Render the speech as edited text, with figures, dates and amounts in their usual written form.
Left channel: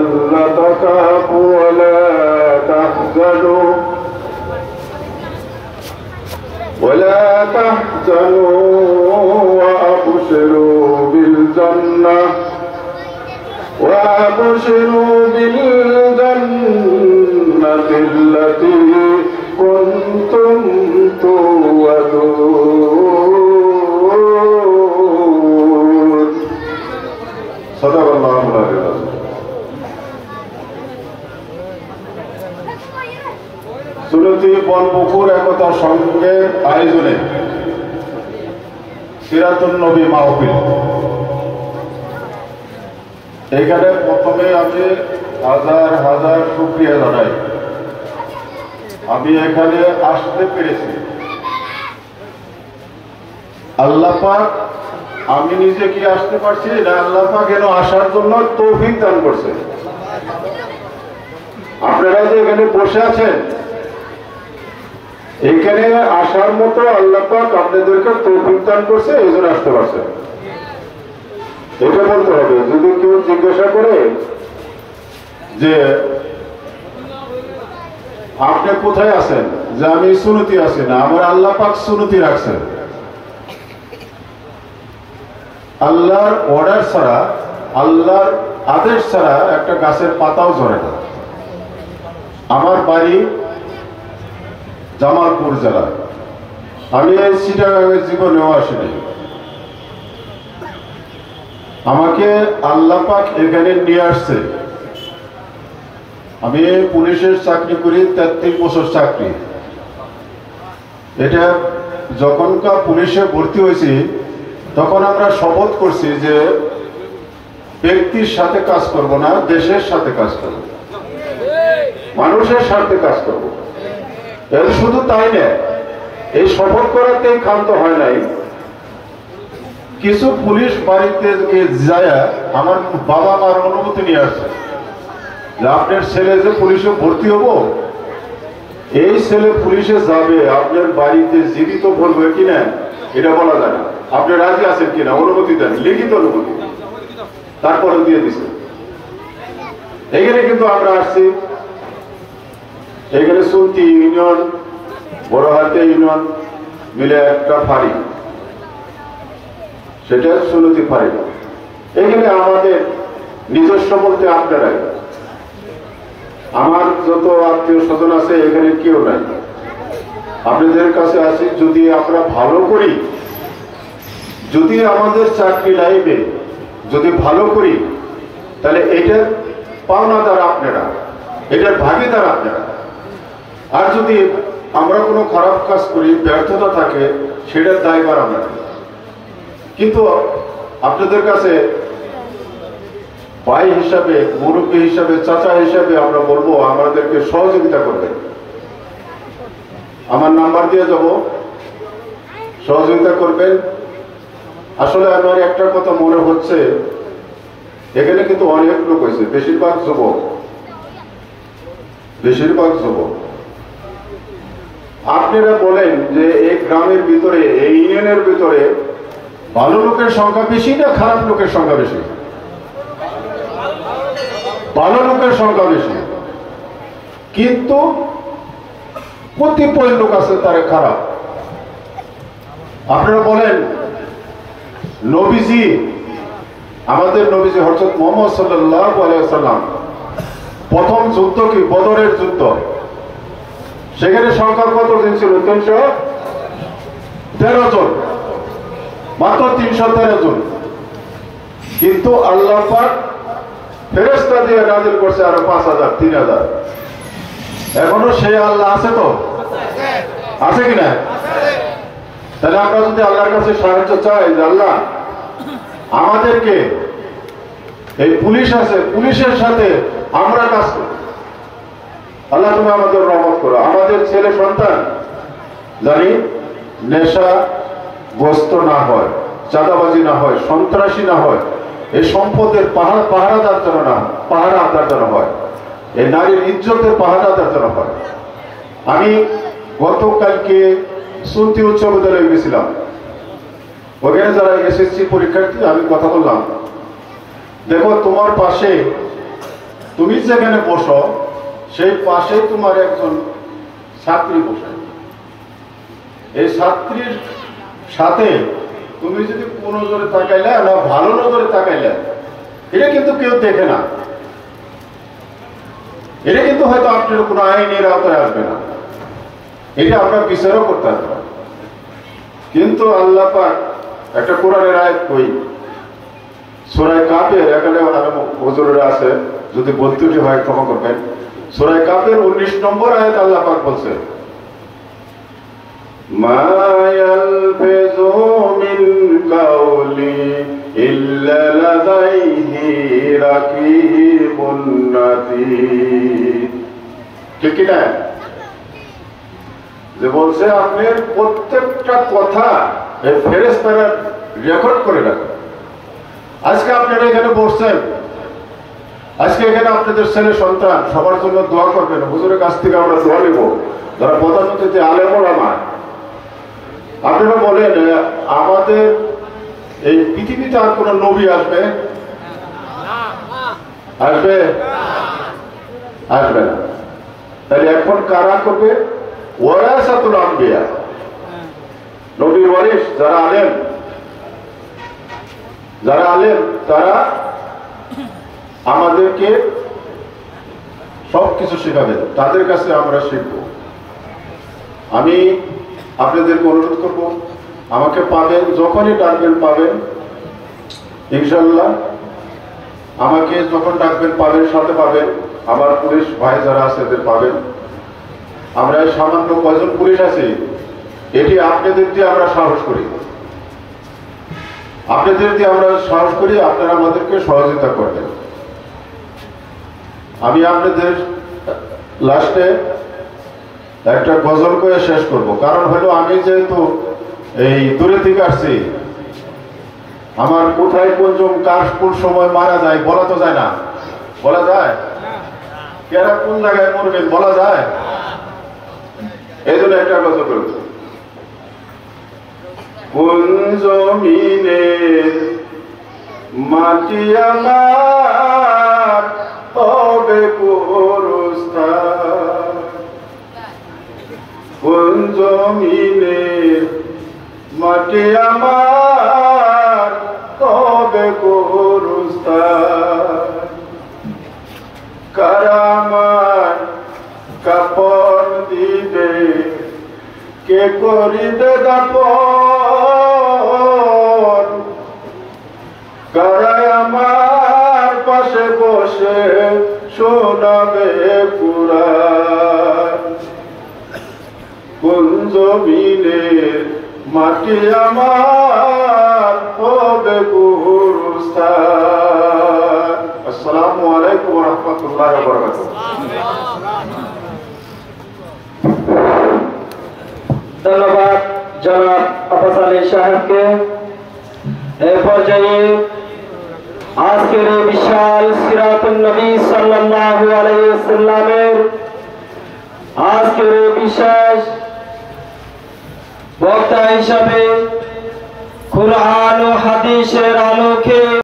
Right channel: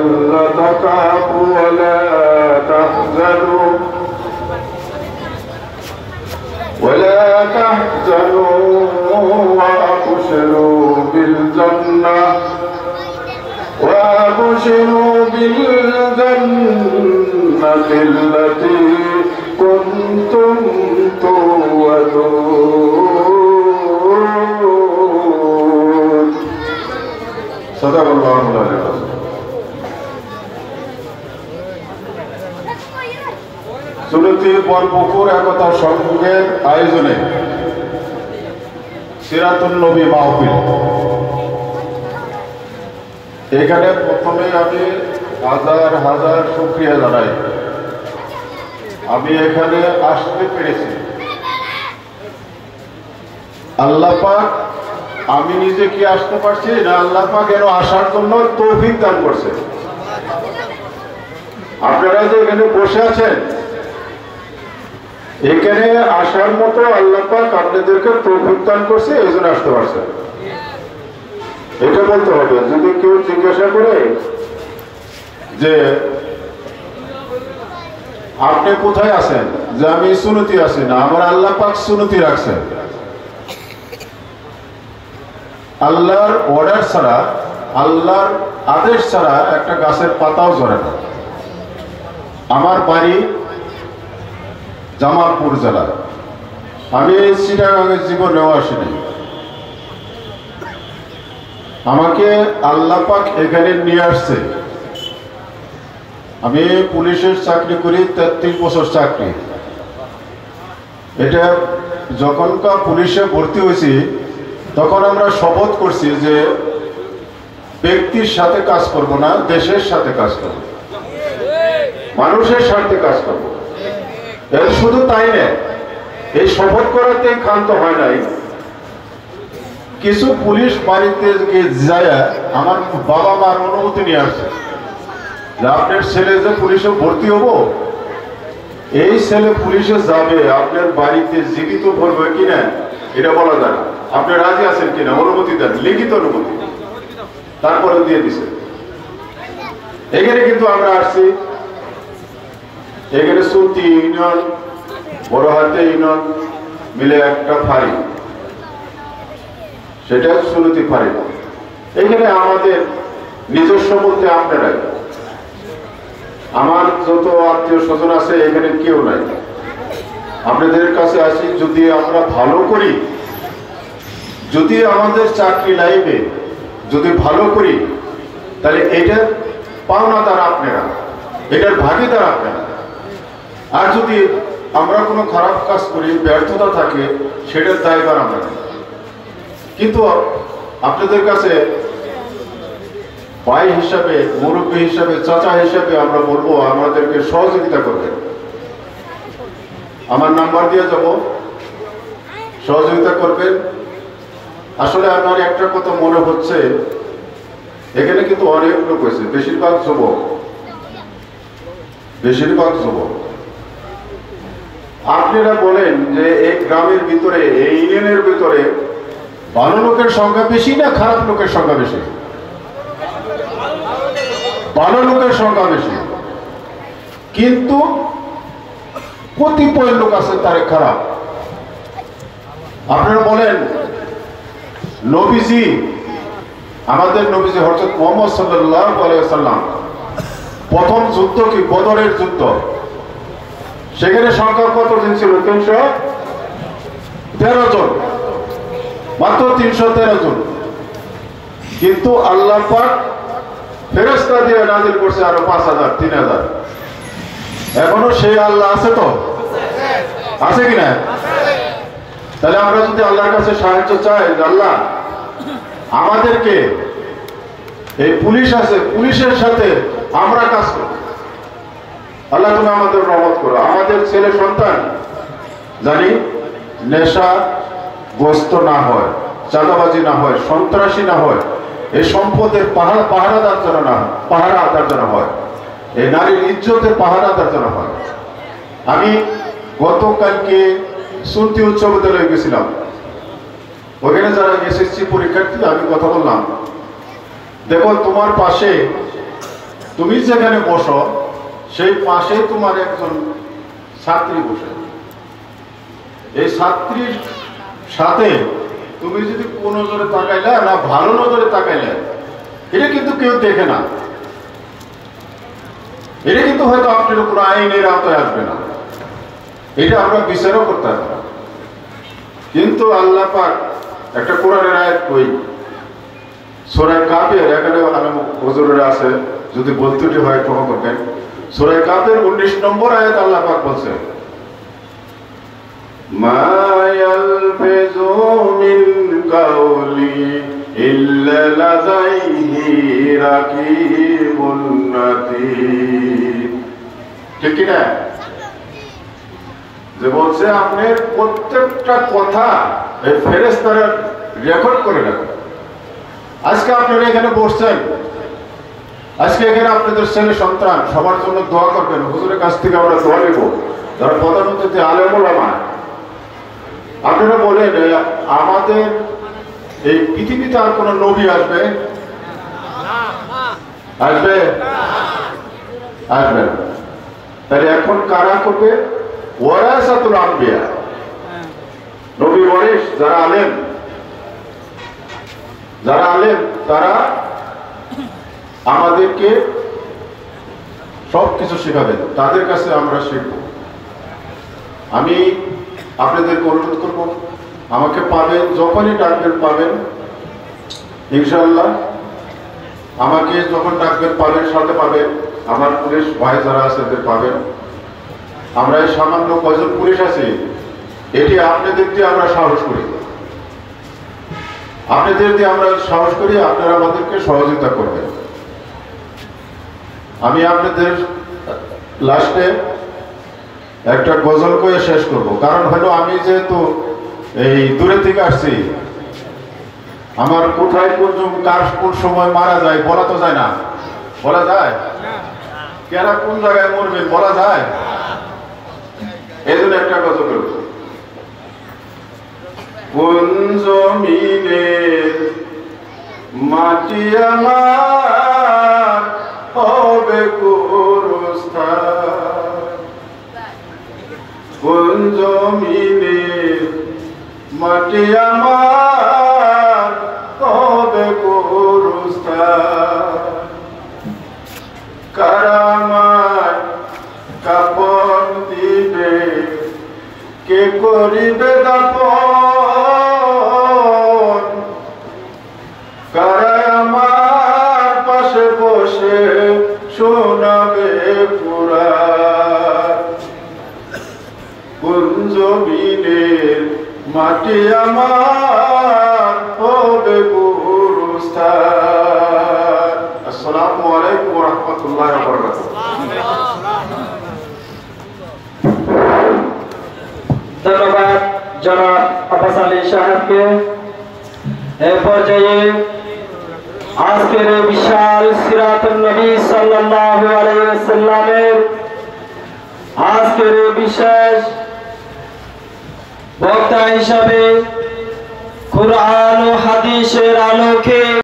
ولا تخافوا ولا تحزنوا وأبشروا بالجنة التي كنتم توعدون صدق الله العظيم সুরতি বলপুকুর একতা সংঘের আয়োজনে সিরাতুন নবী মাহফিল। এখানে প্রথমে আমি হাজার হাজার শুকরিয়া জানাই, আমি এখানে আসতে পেরেছি। আল্লাহ পাক, আমি নিজে কি আসতে পারছি না, আল্লাহ পাক যেন আসার জন্য তৌফিক দান করছে। আপনারা যে এখানে বসে আছেন, এখানে আসার মতো আল্লাহ পাক আপনাদেরকে তৌফিক দান করছে, এই জন্য আসতে পারছে। এটা বলতে হবে। যদি কেউ জিজ্ঞাসা করে যে আপনি কোথায় আছেন, যে আমি সুন্নতি আছি না, আমার আল্লাহ পাক সুন্নতি রাখছেন। আল্লাহর অর্ডার ছাড়া, আল্লাহর আদেশ ছাড়া একটা গাছের পাতাও ঝরে না। আমার বাড়ি জামালপুর জেলা, আমি এই চিটাগাঙের জীবনেও আসিনি। আমাকে আল্লাহ পাক এখানে নিয়ে আসছে। আমি পুলিশের চাকরি করি, 33 বছর চাকরি। এটা যখনকার পুলিশে ভর্তি হয়েছি, তখন আমরা শপথ করছি যে ব্যক্তির সাথে কাজ করব না, দেশের সাথে কাজ করব, মানুষের সাথে কাজ করব। এর শুধু তাই না, এই শপথ করাতে ক্ষান্ত হয় নাই। কিছু পুলিশ বাড়িতে যায় আমার বাবা মার অনুমতি নিয়ে আসছে যে আপনার ছেলে যে পুলিশে ভর্তি হবো, এই ছেলে পুলিশে যাবে, আপনার বাড়িতে জীবিত বলবে কিনা এটা বলা যায় না, আপনি রাজি আছেন কিনা, অনুমতি দেন, লিখিত অনুমতি। তারপরে দিয়ে দিছে। এখানে কিন্তু আমরা আসছি, এখানে সুন্তি ইউনিয়ন, বড় হাতে ইউনিয়ন মিলে একটা ফাঁড়ি, সেটা সুন্নতি ফাঁড়ি। এখানে আমাদের নিজস্ব বলতে আপনারাই, আমার যত আত্মীয় স্বজন আছে এখানে কেউ নাই। আপনাদের কাছে আসি, যদি আমরা ভালো করি, যদি আমাদের চাকরি লাইফে যদি ভালো করি, তাহলে এটার পাওনাদার আপনারা, এটার ভাগীদার আপনারা। আর যদি আমরা কোনো খারাপ কাজ করি, ব্যর্থতা থাকে, সেটার দায়ভার আমরা। কিন্তু আপনাদের কাছে ভাই হিসাবে, মুরব্বী হিসাবে, চাচা হিসাবে আমরা বলবো আমাদেরকে সহযোগিতা করবে। আমার নাম্বার দিয়ে যাব, সহযোগিতা করবেন। আসলে আপনার একটা কথা মনে হচ্ছে, এখানে কিন্তু অনেক লোক হয়েছে, বেশিরভাগ যুবক, বেশিরভাগ যুবক। আপনারা বলেন যে এই গ্রামের ভিতরে, এই ইউনিয়নের ভিতরে ভালো লোকের সংখ্যা বেশি না খারাপ লোকের সংখ্যা বেশি? ভালো লোকের সংখ্যা বেশি, কিন্তু কতিপয় লোক আছে তারা খারাপ। আপনারা বলেন নবীজি, আমাদের নবীজি হযরত মুহাম্মদ সাল্লাল্লাহু আলাইহি ওয়াসাল্লাম প্রথম যুদ্ধ কি বদরের যুদ্ধ, সেখানে সংখ্যা কতজন ছিল? 313 জন, মাত্র 313 জন। কিন্তু আল্লাহ পাক ফেরেশতা দিয়ে নাজিল করছে আরো 5000, 3000। এখনো সেই আল্লাহ আছে তো? আছে কিনা? তাহলে আমরা যদি আল্লাহর কাছে সাহায্য চাই যে আল্লাহ আমাদেরকে, এই পুলিশ আছে, পুলিশের সাথে আমরা কাজ করি, আল্লাহ তুমি আমাদের রহমত করো। আমাদের ছেলে সন্তান জানি নেশাগ্রস্ত না হয়, চাঁদাবাজি না হয়, সন্ত্রাসী না হয়, এই সম্পদের পাহারাদার যেন না হয়, পাহারাদার যেন হয়, এই নারীর ইজ্জতের পাহারাদার যেন হয়। আমি গতকালকে সুন্তি উচ্চ বিদ্যালয়ে গেছিলাম, ওখানে যারা এসএসসি পরীক্ষার্থী, আমি কথা বললাম দেখো তোমার পাশে, তুমি যেখানে বসো সেই পাশে তোমার একজন ছাত্রী বসে। এই ছাত্রীর সাথে তুমি যদি কোন নজরে তাকাইলে না ভালো নজরে তাকাইলে, এটা কিন্তু কেউ দেখে না, এটা কিন্তু হয়তো আপনার কোনো আইনের আওতায় আসবে না, এটা আমরা বিচারও করতে পারবো। কিন্তু আল্লাহ পাক একটা কোরআনের আয়াত কই, সূরা কাফের, এখানে হুজুরেরা আছে, যদি বলতে হয় ক্ষমা করবেন। সূরা কাফের 19 নম্বর আয়াত আল্লাহ পাক বলছেন, মা ইয়ালফিযু মিন কাওলি ইল্লা লাদাইহি রাকিবুন আতীদ। ঠিক কি না? যে বলছে আপনার প্রত্যেকটা কথা এই ফেরেশতারা রেকর্ড করে রাখে। আজকে আপনারা এখানে বসছেন, আজকে এখানে আপনাদের ছেলে সন্তান সবার জন্য দোয়া করবেন। হুজুরের কাছ থেকে আমরা দোয়া নিব, যারা প্রধানমন্ত্রী আলেম ওলামা। আপনারা বলেন আমাদের এই পৃথিবীতে আর কোন নবী আসবে? আসবে? আসবে। তাহলে এখন কারা করবে? ওয়ারাসাতুল আম্বিয়া, নবী ওয়ারিস যারা আলেম, যারা আলেম তারা আমাদেরকে সবকিছু শেখাবেন, তাদের কাছে আমরা শিখব। আমি আপনাদেরকে অনুরোধ করব, আমাকে পাবেন, যখনই ডাকবেন পাবেন ইনশাআল্লাহ। আমাকে যখন ডাকবেন পাবেন, সাথে পাবেন আমার পুলিশ ভাই যারা আছে এদের পাবেন। আমরা সামান্য কয়জন পুলিশ আছি, এটি আপনাদের দিয়ে আমরা সাহস করি, আপনাদের দিয়ে আমরা সাহস করি, আপনারা আমাদেরকে সহযোগিতা করবেন। আমি আপনাদের লাস্টে একটা গজল করে শেষ করব, কারণ হলো আমি যেহেতু এই দূরে থেকে আসছি, আমার কোথায় কোন সময় মারা যায় বলা তো যায় না। বলা যায়? কেনা কোন জায়গায় মরবেন বলা যায়? এই জন্য একটা গজল করব। কোন জমিনের মাটি আমার হবে গোরস্থান, কোন জমিনের মাটি আমার হবে গোরস্থান, কারা আমায় কাপড় দিবে, কে করিবে দাফন, কারা আমার পাশে বসে শোনাবে কুরআন, কোন জমিনের মাটি আমার হবে গোরস্থান। আসসালামু আলাইকুম ওয়া রাহমাতুল্লাহি ওয়া বারাকাতুহু। ধন্যবাদ জনাব আব্বাস আলী সাহেবকে। এ পর্যায়ে আজকের বিশাল সিরাতুন নবী সাল্লাল্লাহু আলাইহি ওয়াসাল্লামের আজকের বিশেষ বক্তা হিসাবে কুরআন ও হাদিসের আলোকে